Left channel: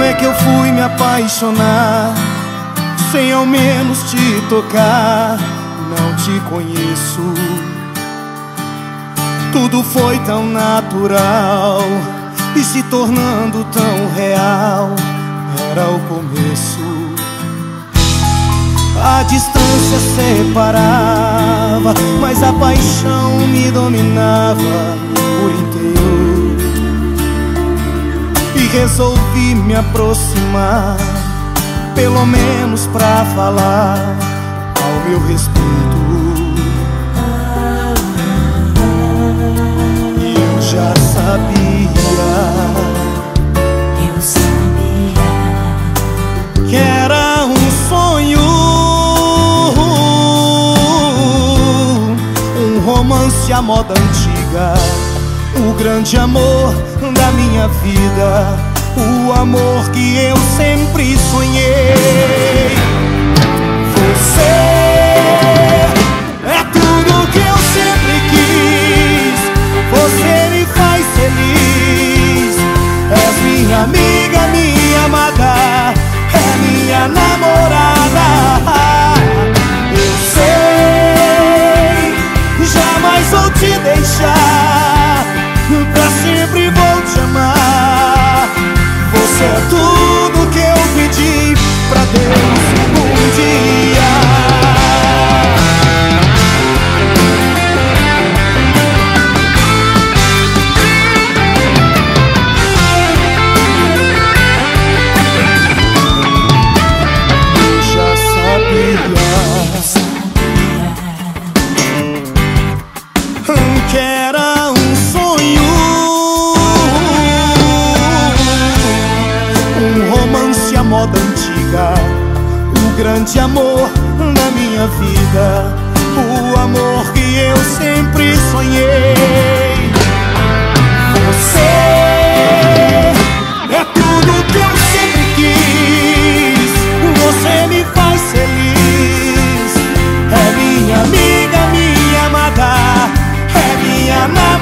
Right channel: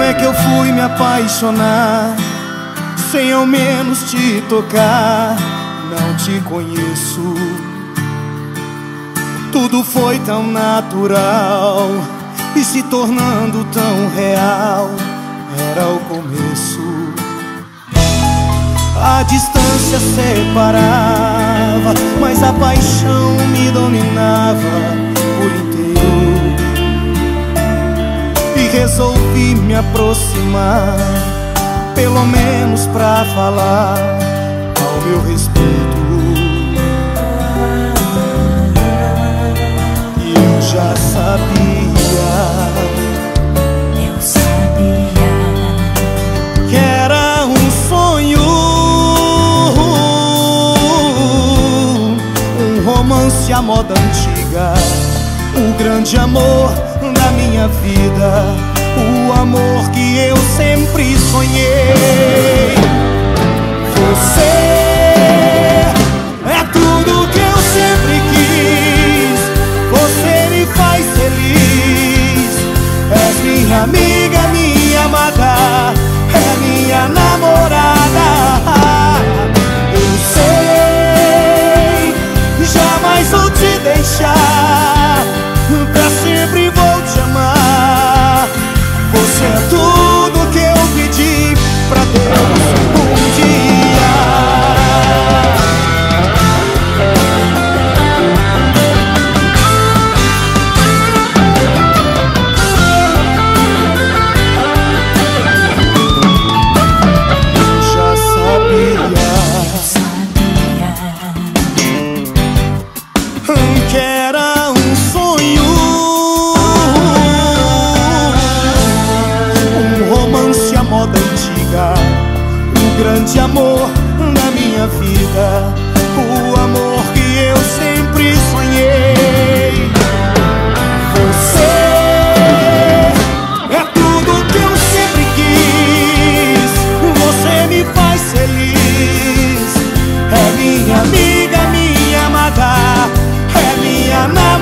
Como é que eu fui me apaixonar sem ao menos te tocar? Não te conheço. Tudo foi tão natural e se tornando tão real. Era o começo. A distância separava, mas a paixão me dominava por inteiro. E resolvi me aproximar, pelo menos pra falar ao meu respeito. E eu já sabia que era um sonho, um romance à moda antiga, o grande amor da minha vida, o amor que eu sempre sonhei. Você é tudo que eu sempre quis, você me faz feliz. És minha amiga, minha amada, é minha namorada. Eu sei, jamais vou te deixar, pra sempre vou te amar. Você é tudo que eu pedi pra Deus um dia. Eu já sabia que era um sonho, um romance à moda antiga, o grande amor da minha vida, o amor que eu sempre sonhei. Você é tudo que eu sempre quis, você me faz feliz. É minha amiga, minha amada, é minha namorada.